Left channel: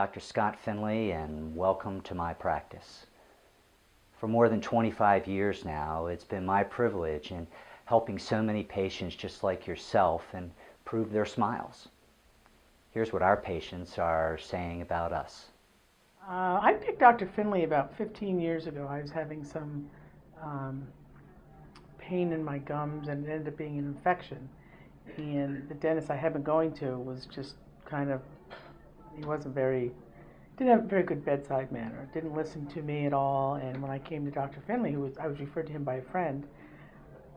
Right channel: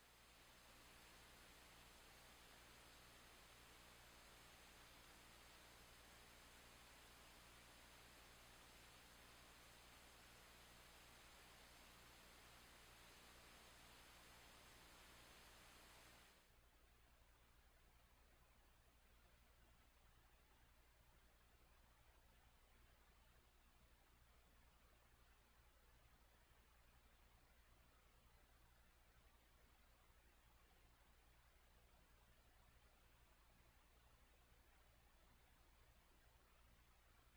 Dr. Scott Finlay, and welcome to my practice. For more than 25 years now, it's been my privilege in helping so many patients just like yourself improve their smiles. Here's what our patients are saying about us. I picked Dr. Finlay about 15 years ago. I was having some pain in my gums, and it ended up being an infection. And the dentist I had been going to was just kind of, he didn't have a very good bedside manner, didn't listen to me at all. And when I came to Dr. Finlay, I was referred to him by a friend,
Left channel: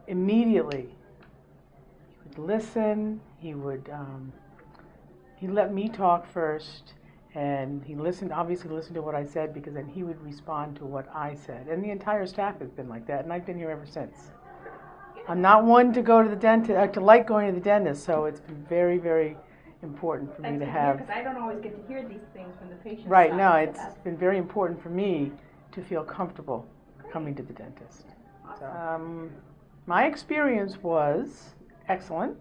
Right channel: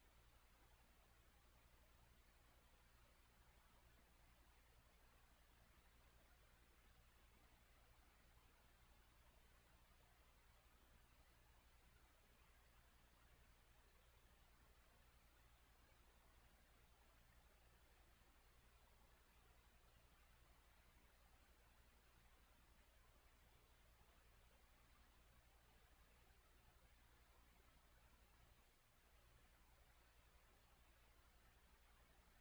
immediately he would listen, he let me talk first, and he obviously listened to what I said, because then he would respond to what I said. And the entire staff has been like that, and I've been here ever since. I'm not one to go to the dentist, to like going to the dentist, so it's been very, very important for me to have. Because I don't always get to hear these things from the patient. Right, no, it's been very important for me to feel comfortable coming to the dentist. Awesome. My experience was excellent.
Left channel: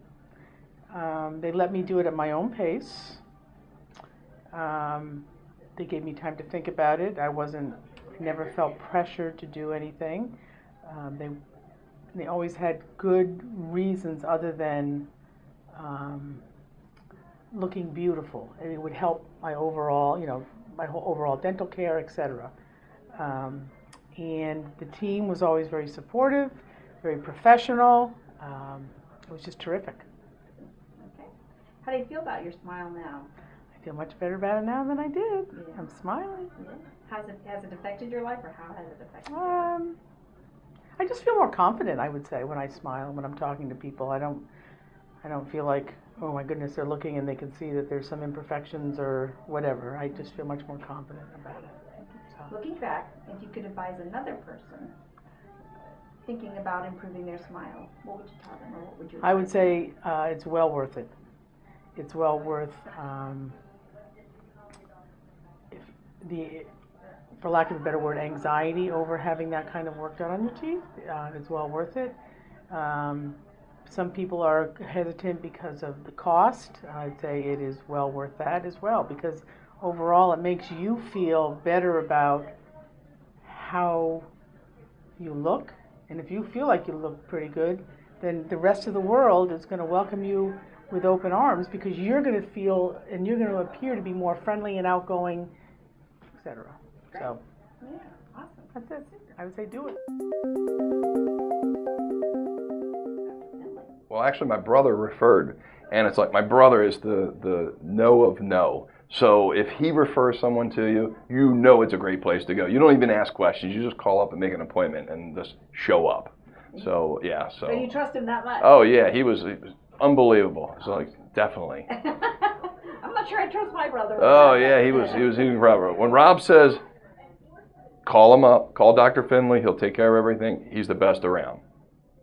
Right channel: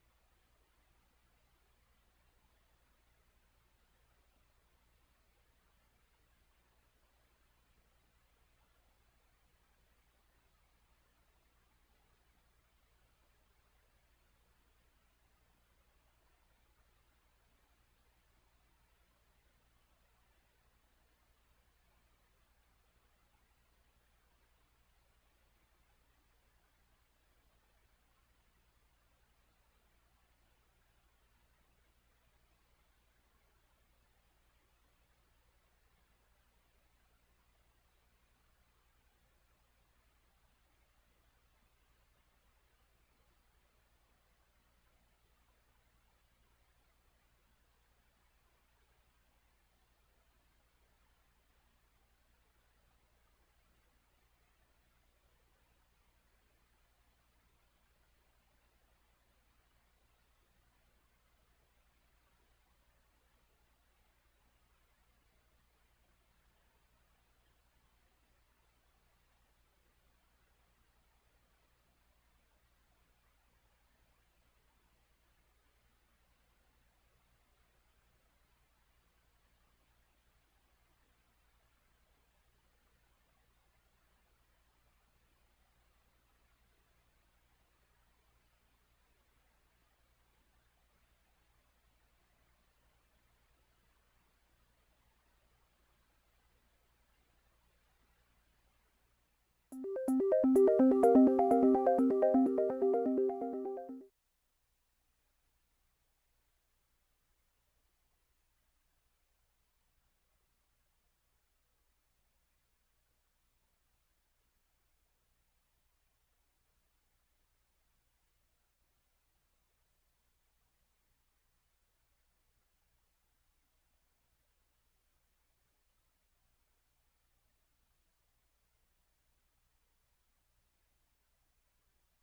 They let me do it at my own pace. They gave me time to think about it. I never felt pressured to do anything. They always had good reasons other than looking beautiful. It would help my overall, my whole overall dental care, etc. And the team was always very supportive, very professional. It was just terrific. Okay. How do you feel about your smile now? I feel much better about it now than I did. Yeah. I'm smiling. Yeah. Has it affected your life, or how has it affected your life? I just feel more confident, I would say, when I smile, when I'm talking to people. I don't feel like, oh my goodness, they're looking and they can see that there's some imperfections or whatever. I just feel much more confident about it. So. Looking back, if you could advise another person thinking about improving their smile, what would you tell them, or what would you advise? I would say it's well worth it. It's well worth for lack of a better word, anxiety over having that kind of work done on your teeth. It's well worth it. Some people are hesitant because of the cost. I'd say it is well worth that as well, because overall it makes you feel better about how you look. And if you feel like you look pretty good, then the rest of the world is going to welcome you with open arms, because you're going to feel and you're going to appear to be more friendly and outgoing, etc. So, yeah, awesome. That's it. I would say do it. Well, actually, my brother referred, and it's like my brother is the no of no. So if he refers someone to you, you know it's a great place to go. You don't even ask questions. You just call up and make an appointment and just show up. So, yeah. So you trust him that much? Oh, yeah. He was unbelievable. So, like, definitely. I'm not sure I trust my brother. Oh, yeah. He was Robert. When Rob says, call him up, call Dr. Finlay, he'll take care of everything. He's the best around.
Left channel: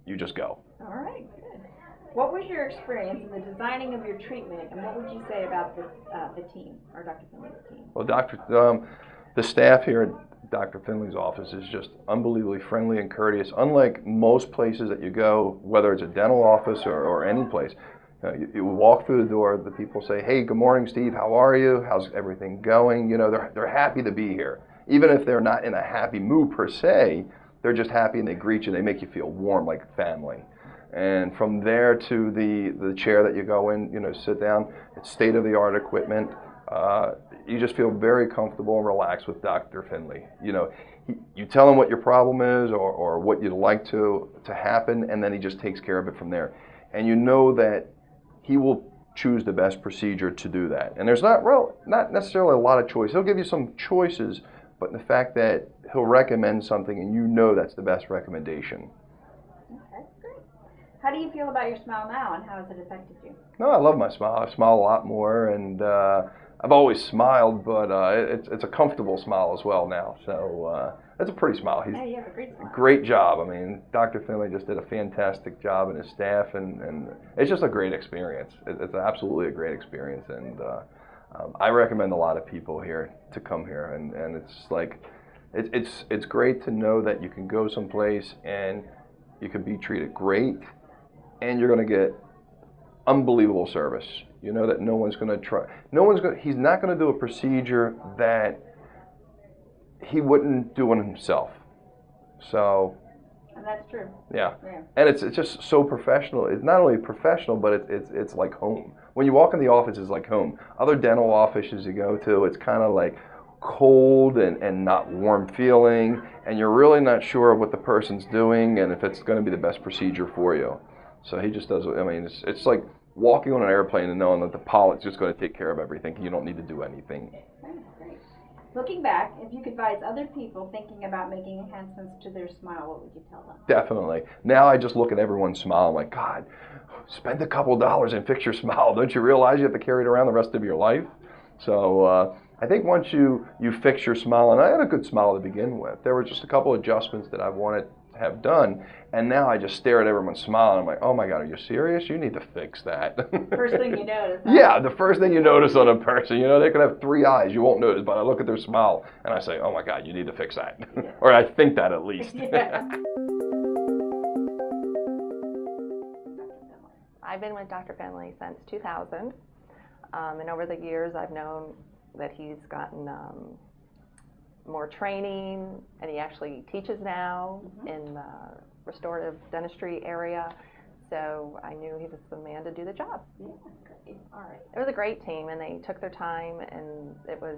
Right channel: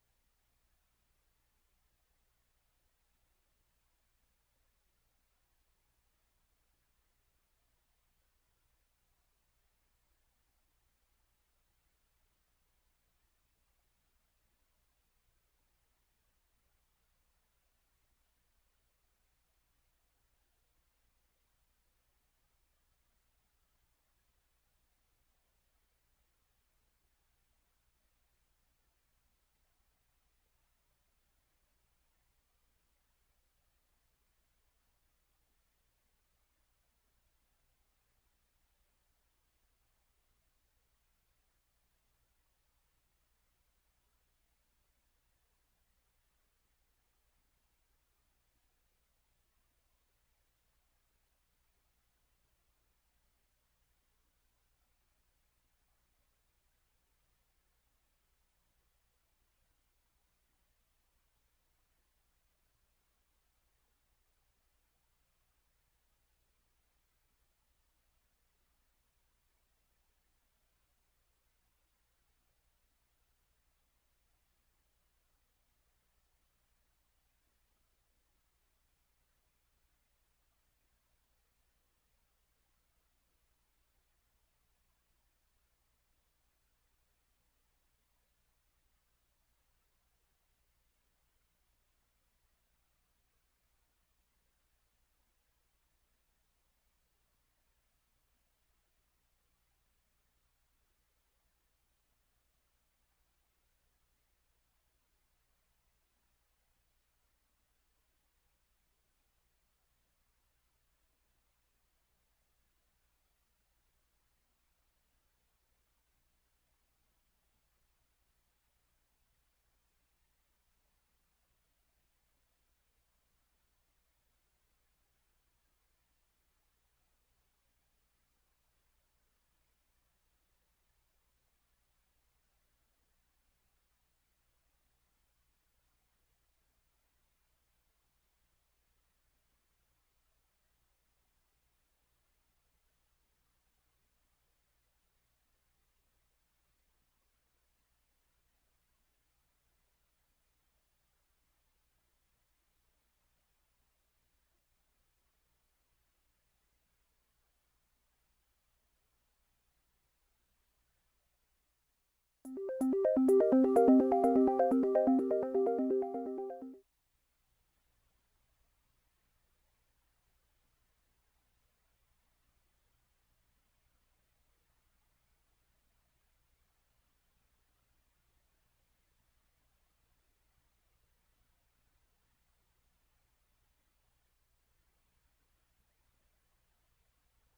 You just go. All right, good. What was your experience in the designing of your treatment, and what would you say about the team, or Dr. Finlay's team? Well, the staff here at Dr. Finlay's office is just unbelievably friendly and courteous. Unlike most places that you go, whether it's a dental office or any place, you walk through the door, the people say, hey, good morning, Steve, how are you? How's everything going? They're happy to be here. Even if they're not in a happy mood per se, they're just happy and they greet you. They make you feel warm like family. And from there to the chair that you go in, sit down, it's state-of-the-art equipment. You just feel very comfortable and relaxed with Dr. Finlay. You tell him what your problem is or what you'd like to happen, and then he just takes care of it from there. And you know that he will choose the best procedure to do that. And there's not necessarily a lot of choice. He'll give you some choices, but the fact that he'll recommend something and you know that's the best recommendation. Okay, great. How do you feel about your smile now, and how has it affected you? No, I love my smile. I smile a lot more, and I've always smiled, but it's a comfortable smile as well now. So it's a pretty smile. Yeah, you have a great smile. Great job. I mean, Dr. Finlay just did a fantastic job, and his staff, and it's just a great experience. It's absolutely a great experience, and I recommend a lot of people here to come here, and it's like, it's great to know that you can go someplace and you can be treated great, and you're going to get unbelievable service. You know that no one's going to try. He's not going to do a procedure that he wouldn't do on himself. So. And that's true. Yeah. And it's just so professional. It's not only professional, but it's like home. When you walk in the office, it's like home. Other dental offices you go to, it's kind of like cold and not warm feeling, and you're really not sure what the person's doing and if it's going to be the best procedure for you. So he just does. I mean, it's like walking on an airplane and knowing that the pilot's just going to take care of everything. You don't need to do anything. Great. Looking back, if you could advise other people thinking about making enhancements to their smile, what would you tell them? Definitely. Now I just look at everyone's smile. I'm like, God, spend a couple dollars and fix your smile. Don't you realize you have to carry it around the rest of your life? So I think once you fix your smile, and I had a good smile to begin with, there were just a couple adjustments that I wanted to have done, and now I just stare at everyone's smile, and I'm like, oh my God, are you serious? You need to fix that. First thing you notice. Huh? Yeah, the first thing you notice on a person, you know, they could have 3 eyes, you won't notice, but I look at their smile, and I say, oh my God, you need to fix that. Or I think that at least. Yeah. I've been with Dr. Finlay since 2000, and over the years I've known that he's gotten more training, and he actually teaches now in the restorative dentistry area, so I knew he was the man to do the job. Yeah, great. All right. It was a great team, and they took their time, and it was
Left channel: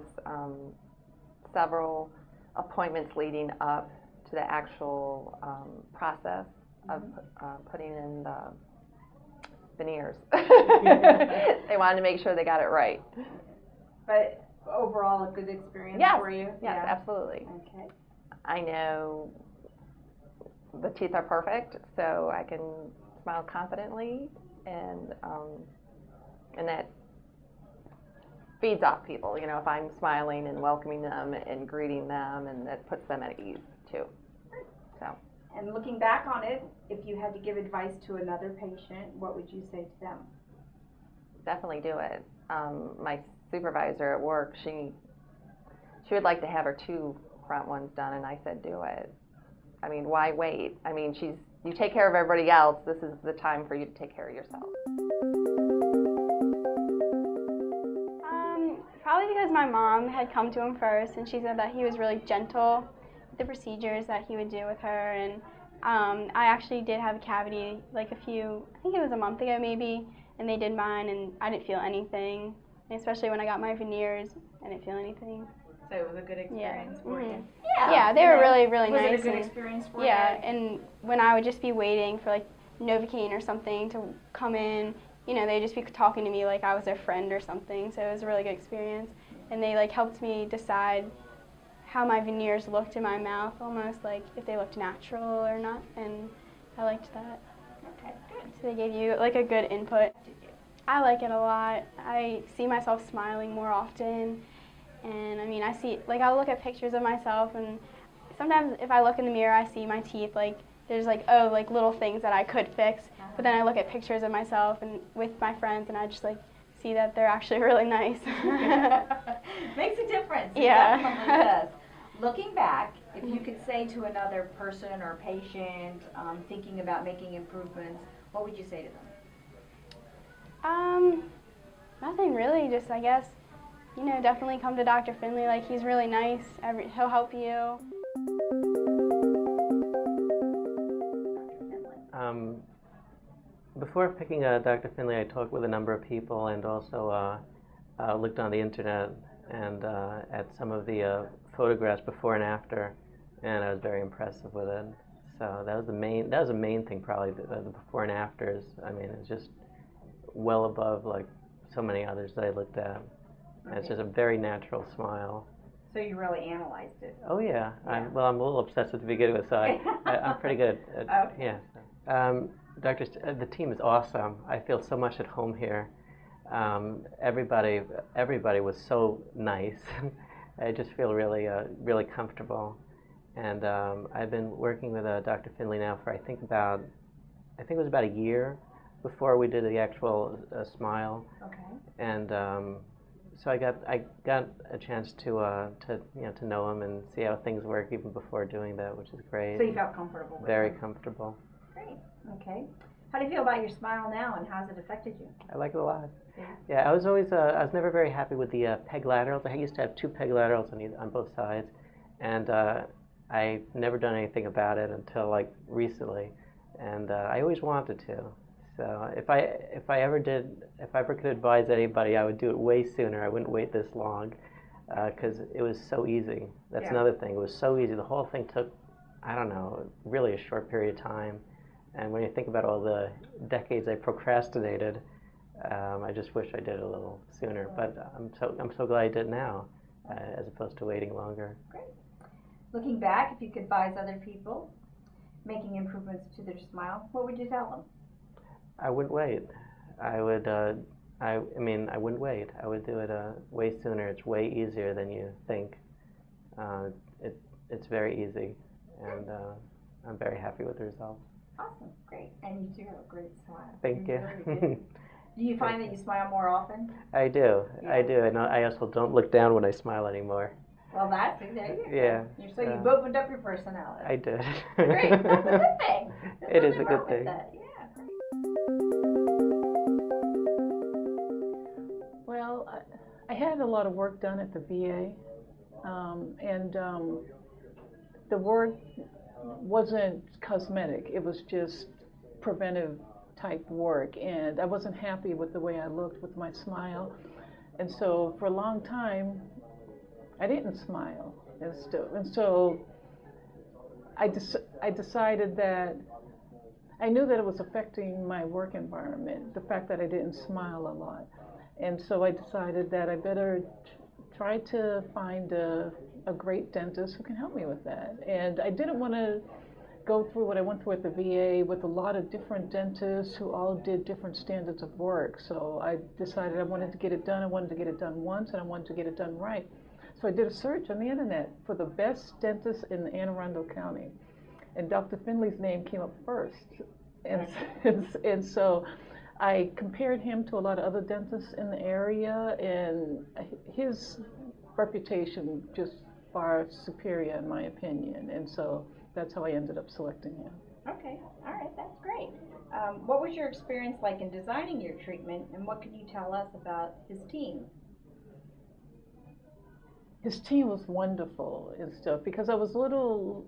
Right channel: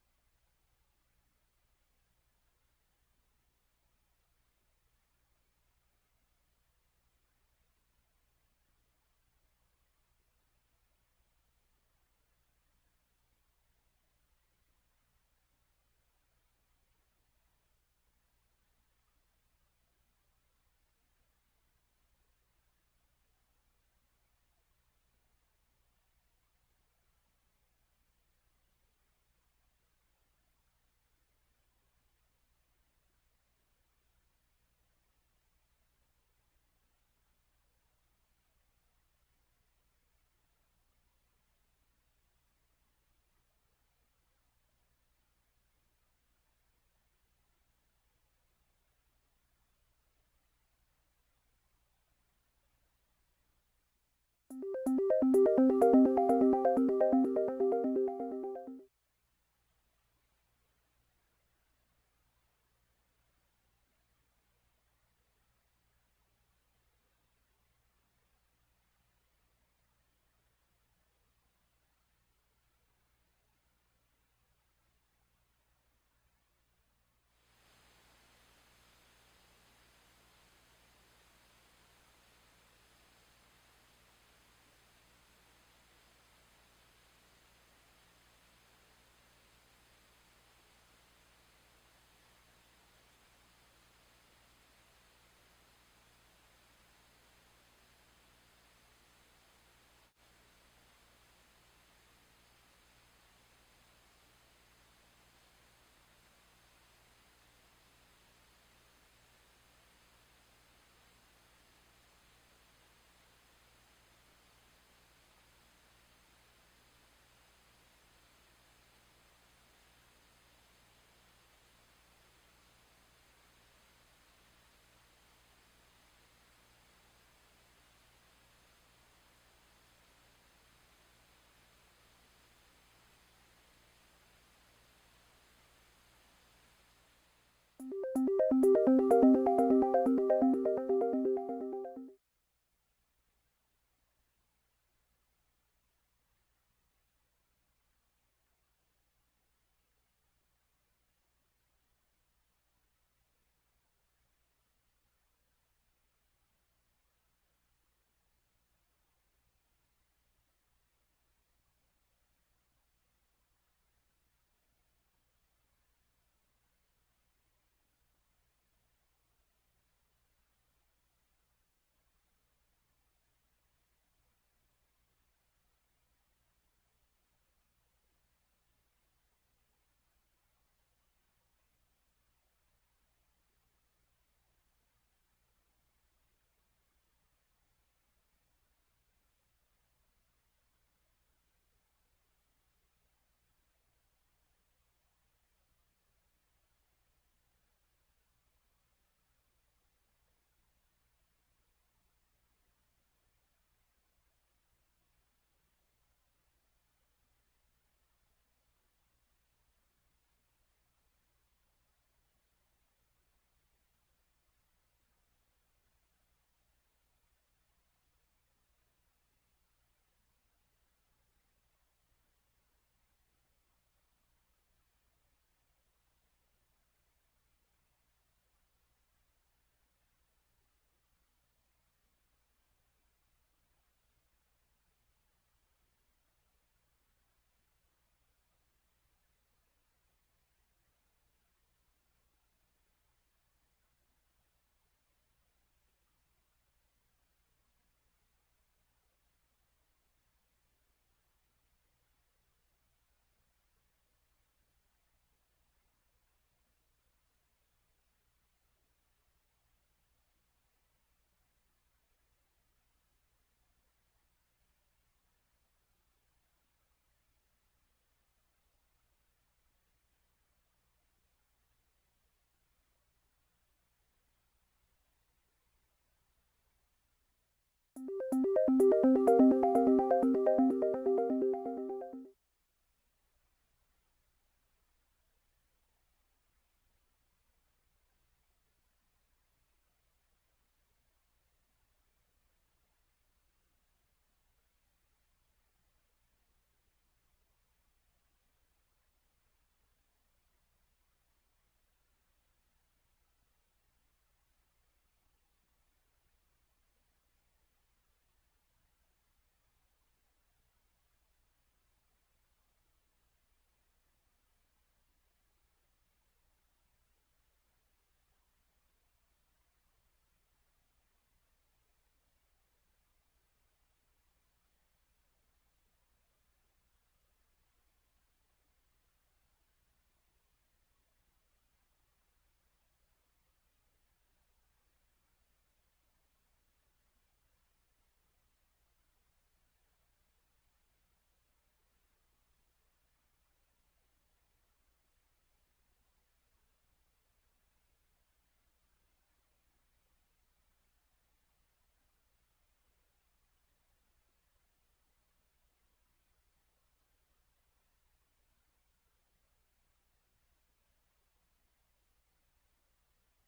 several appointments leading up to the actual process of putting in the veneers. They wanted to make sure they got it right. But overall, a good experience for you? Yes, absolutely. Okay. I know the teeth are perfect, so I can smile confidently, and that feeds off people. You know, if I'm smiling and welcoming them and greeting them, and that puts them at ease too. So. And looking back on it, if you had to give advice to another patient, what would you say to them? Definitely do it. My supervisor at work, she would like to have her 2 front ones done, and I said, do it. I mean, why wait? I mean, you take care of everybody else. This is the time for you to take care of yourself. Probably because my mom had come to him first, and she said that he was really gentle with the procedures that he would do with her. And I actually did have a cavity like I think it was a month ago maybe, and they did mine, and I didn't feel anything. And especially when I got my veneers, I didn't feel anything. So it was a good experience for you. Yeah, they were really, really nice. Was it a good experience for you? Yeah, and when I would just be waiting for like Novocaine or something to come in, you know, they'd just be talking to me like I was their friend or something. So it was a really good experience. And they like helped me decide how my veneers looked in my mouth, almost like if they looked natural or not, and I liked that. Okay, good. So they gave you like a good input. I like it a lot. I see myself smiling more often, and I mean, I'll look at pictures of myself, and sometimes if I look in the mirror, I see my teeth, like, there's like, oh, like little things that I could fix, but then I look at pictures of myself and with my friends, and I just like see that they're actually really nice. Makes a difference. Yeah. It definitely does. Looking back, if you could say to another person or patient thinking about making improvements, what would you say to them? Nothing really, just I guess, you know, definitely come to Dr. Finlay, like he's really nice, he'll help you. Before picking Dr. Finlay, I talked with a number of people, and also looked on the internet and at some of the photographs before and after, and I was very impressed with it. So that was the main thing, probably the before and afters. I mean, it's just well above like so many others that I looked at. And it's just a very natural smile. So you really analyzed it. Oh yeah. Yeah. I'm a little obsessive to begin with, so I'm pretty good at, Okay. yeah. The team is awesome. I feel so much at home here. Everybody was so nice. I just feel really really comfortable. And I've been working with Dr. Finlay now for I think it was about a year before we did the actual smile. Okay. And so I got a chance to know him and see how things work even before doing that, which is great. So you felt comfortable with Very him. comfortable. Great. Okay. How do you feel about your smile now, and how's it affected you? I like it a lot. Yeah. Yeah, I was always, I was never very happy with the peg laterals. I used to have 2 peg laterals on both sides, and I never done anything about it until like recently, and I always wanted to. So if I ever could advise anybody, I would do it way sooner. I wouldn't wait this long, because it was so easy. That's another thing. It was so easy. The whole thing took, I don't know, really a short period of time. And when you think about all the decades I procrastinated, I just wish I did it a little sooner. But I'm so glad I did now, as opposed to waiting longer. Great. Looking back, if you could advise other people making improvements to their smile, what would you tell them? I wouldn't wait. I would. I mean, I wouldn't wait. I would do it way sooner. It's way easier than you think. It's very easy, and I'm very happy with the results. Awesome, great, and you do have a great smile. Thank you. Really do. Do you find that you smile more often? I do. Yeah. I do, and I also don't look down when I smile anymore. Well, there you go. Yeah. So you've opened up your personality. I did. Great, that's a good thing. It is a good thing. Yeah. Well, I had a lot of work done at the VA, and the work wasn't cosmetic. It was just preventive type work, and I wasn't happy with the way I looked with my smile. And so for a long time, I didn't smile and stuff. And so I decided that I knew that it was affecting my work environment, the fact that I didn't smile a lot. And so I decided that I better try to find a great dentist who can help me with that. And I didn't want to go through what I went through at the VA with a lot of different dentists who all did different standards of work. So I decided I wanted to get it done. I wanted to get it done once, and I wanted to get it done right. So I did a search on the internet for the best dentist in Anne Arundel County. And Dr. Finlay's name came up first. And so I compared him to a lot of other dentists in the area, and his reputation just far superior in my opinion. And so that's how I ended up selecting him. Okay, all right, that's great. What was your experience like in designing your treatment, and what can you tell us about his team? His team was wonderful and stuff, because I was a little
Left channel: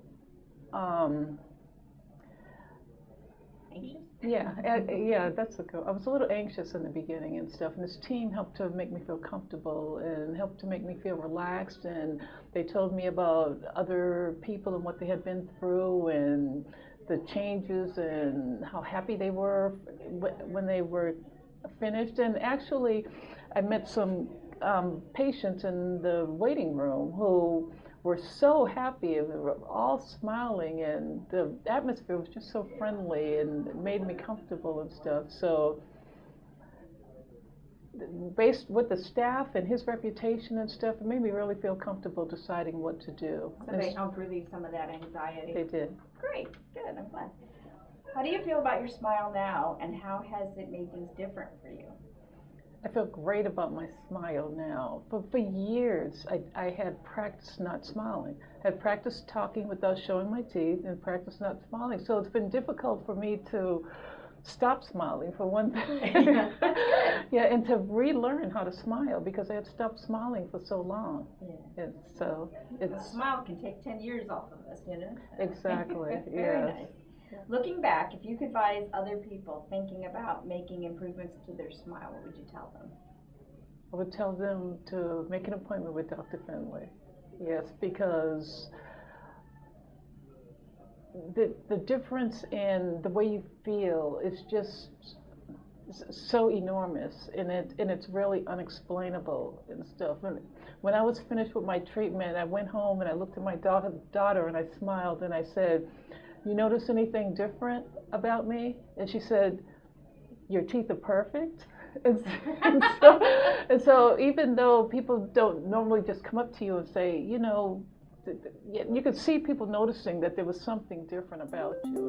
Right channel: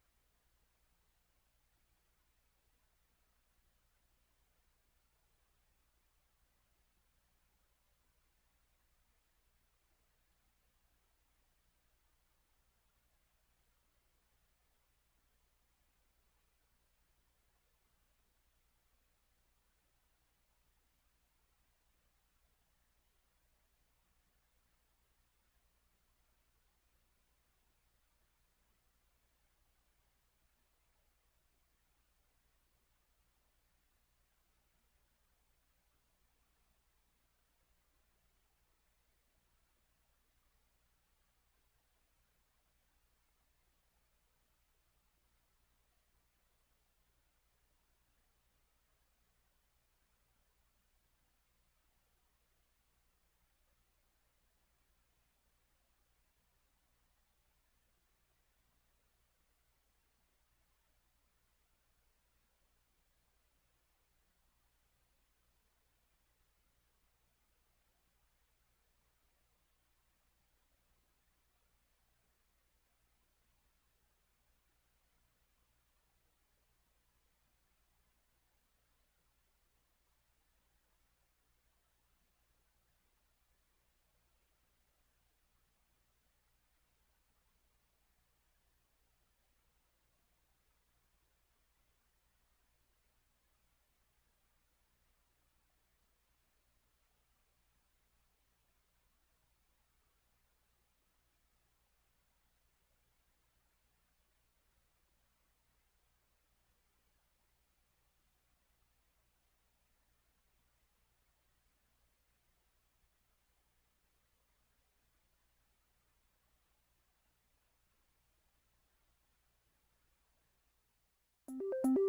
Anxious? Yeah, that's a good. I was a little anxious in the beginning and stuff, and his team helped to make me feel comfortable and helped to make me feel relaxed, and they told me about other people and what they had been through and the changes and how happy they were when they were finished. And actually, I met some patients in the waiting room who were so happy, and they were all smiling, and the atmosphere was just so friendly and it made me comfortable and stuff. So based with the staff and his reputation and stuff, it made me really feel comfortable deciding what to do. So they helped relieve some of that anxiety? They did. Great, good, I'm glad. How do you feel about your smile now, and how has it made things different for you? I feel great about my smile now. For years, I had practiced not smiling. I had practiced talking without showing my teeth and practiced not smiling. So it's been difficult for me to stop smiling, for one thing. Yeah, and to relearn how to smile, because I had stopped smiling for so long. Yeah. And so a smile can take 10 years off of us, you know? Exactly, Very yes. nice. Looking back, if you could advise other people thinking about making improvements to their smile, what would you tell them? I would tell them to make an appointment with Dr. Finlay. Yes, because the difference in the way you feel is just so enormous, and it's really unexplainable and stuff. And when I was finished with my treatment, I went home and I looked at my daughter and I smiled and I said, "You notice anything different about me?" And she said, "Your teeth are perfect." And so even though people don't normally just come up to you and say, you know, you could see people noticing that there was something different about you.